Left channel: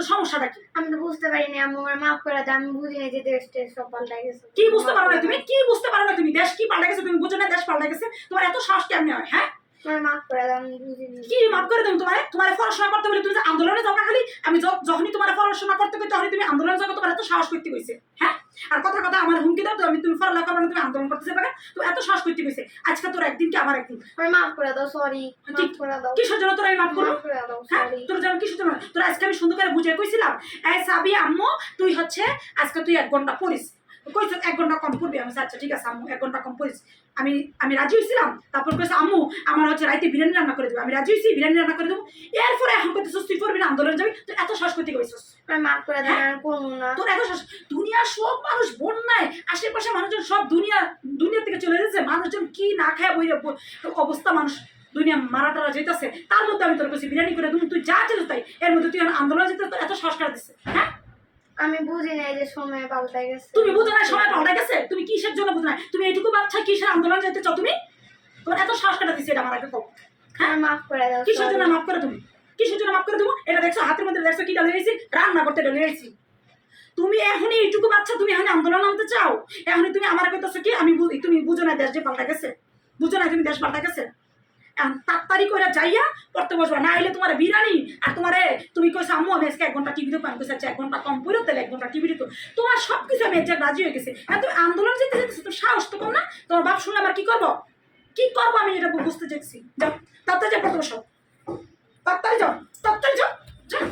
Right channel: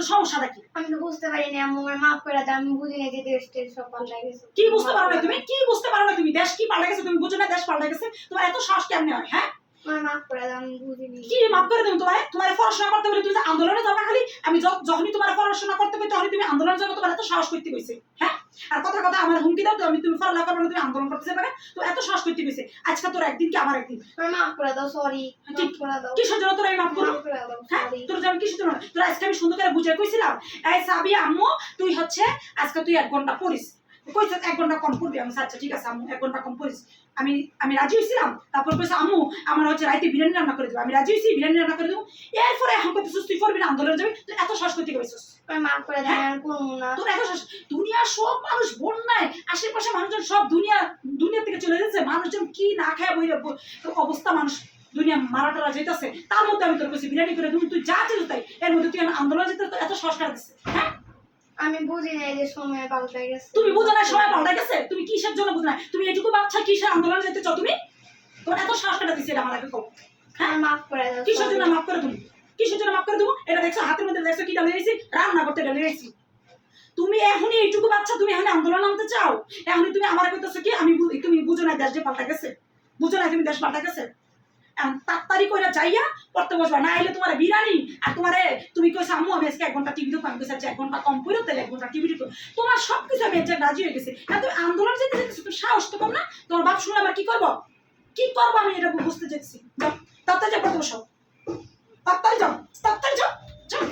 তো সমস্যাটা কি? আমি তো বুঝতে পারিনি আম্মু, আমার মাফ করে দাও। আমি বুঝিনি যে দেশ টেশ সব পাল্টাই গেছে। কি বুঝতে পারো না তুমি? কি বুঝতে পারো না তুমি? দেশ কি পাল্টে গেছে তুমি বুঝো না? দেশ পাল্টে গেছে? তোমার এত সাহস কেমনে হয়? হ্যাঁ, আমার মাফ করে দাও, আমি বুঝিনি। কি মাফ করে দেবো তোমার? তোমার পড়াশোনা করতে বলে তুমি যে আন্দোলনে যাও খালি, আমি যখনই তোমার পড়াশোনা করতে কই তখনই তুমি আন্দোলনে যাবো, তোমার এত সাহস করতে কইছে? হ্যাঁ, আর কথা কথা আমার হুমকি দাও তো আমি তুমি পড়ালেখা করবে না, তুমি আন্দোলন করতেছে পারে, তো এত সাহস করতে কইছে? আজকে তোর একদিন কি আমার একদিন? আমার মাফ করে দাও, সরি। মাফ করে দাও, কিসের জন্য তোর আমি মাফ করবো? মাফ করে দাও, হ্যাঁ, সরি। তোর যেমন কিসের জন্য? তোর আজকে আমি সুন্দর করে বুঝিয়ে কইছিলাম, এই সাবি আম্মু তুই হচ্ছে আজকে তুই 1 ঘন্টা পড়িস, কইছ 1 ঘন্টা কম পড়বি। আমি আচ্ছা ঠিক আছে আম্মু 1 ঘন্টা কম পড়িস। আমি আমি রাজি হয়েছিলাম। তারপর কইছে আম্মু আমার হচ্ছে রাইতে বিরিয়ানি রান্না করে দেবো। আমি রাজি হয়েছি, বিরিয়ানি রান্না করে দেবো। এরপরে এখন কইতেছিস তুই পড়বি না, আন্দোলনে যাবি, তুই এত সাহস করতে কইছিস? আমার মাফ করে দাও, আমি করবো না। তোর এত সাহস? দুনিয়ার সব মানুষ বন্যায়, আশেপাশে মানুষজন সব দুনিয়া থেকে চলে যাচ্ছে, মানুষজন কি না খায় বই অবস্থা, মানুষ দুনিয়া মারা টারা যেতেছে, তার মধ্যে আমি তোর কাছে বিরিয়ানি করে দেবো, তুই যা চাইছিস তাই, এর মধ্যে তুই আন্দোলনে যেতে তোর এত সাহস কারা দিচ্ছে? হ্যাঁ, আমি বুঝি নাই যে সময় পাল্টাই গেছে। তুমি বুঝো না সময় পাল্টে গেছে? তুমি কিসের জন্য বুঝো না? তুমি এইটুকু বাচ্চা কিসের আন্দোলনে যেতে চাও তুমি? তোমার এত সাহস কাটা দিচ্ছে এটা আমার আগে কও। হ্যাঁ, আমার মাফ করে দাও, কিসের জন্য sorry। মাফ করে তুমি? কিসের জন্য মাফ করে দেবো? এটা দেখছো হাতের মধ্যে, দেখছো কি ডালে গেছি? রান্না করতে ডালে গেছি। তুমি এখনই এইটুকু বাচ্চা, তুমি এখন আন্দোলন নামতে চাও? এখনই তুমি আমার কইতেছো কি আমি তুমি বুঝো না দেশ যে পাল্টা গেছে? বুঝো না তুমি দেশ পাল্টা গেছে? তাড়াতাড়ি করে যাইয়া পড়তে বসবা, না হলে তোমার বিরানি আর তোমারে তুমি কইছো আম্মু আমি আজকে 1 ঘন্টা টিভি দেখবো, আমি কইছি 1 ঘন্টা কম পড়ো তাহলে 1 ঘন্টা টিভি দেখো। তোমার সবকিছু আমি যে রাজি হয়ে গেছে, তুমি আন্দোলন যেতে যেতেছো, তো সাহস তো কম না? তোমার বাপ শুনে আবার কি করবো? কি করবো আমি এটা বুঝতে চাইছি। যাও তাড়াতাড়ি পড়তে বসো, তাড়াতাড়ি যাও, তাড়াতাড়ি যাও, যাও।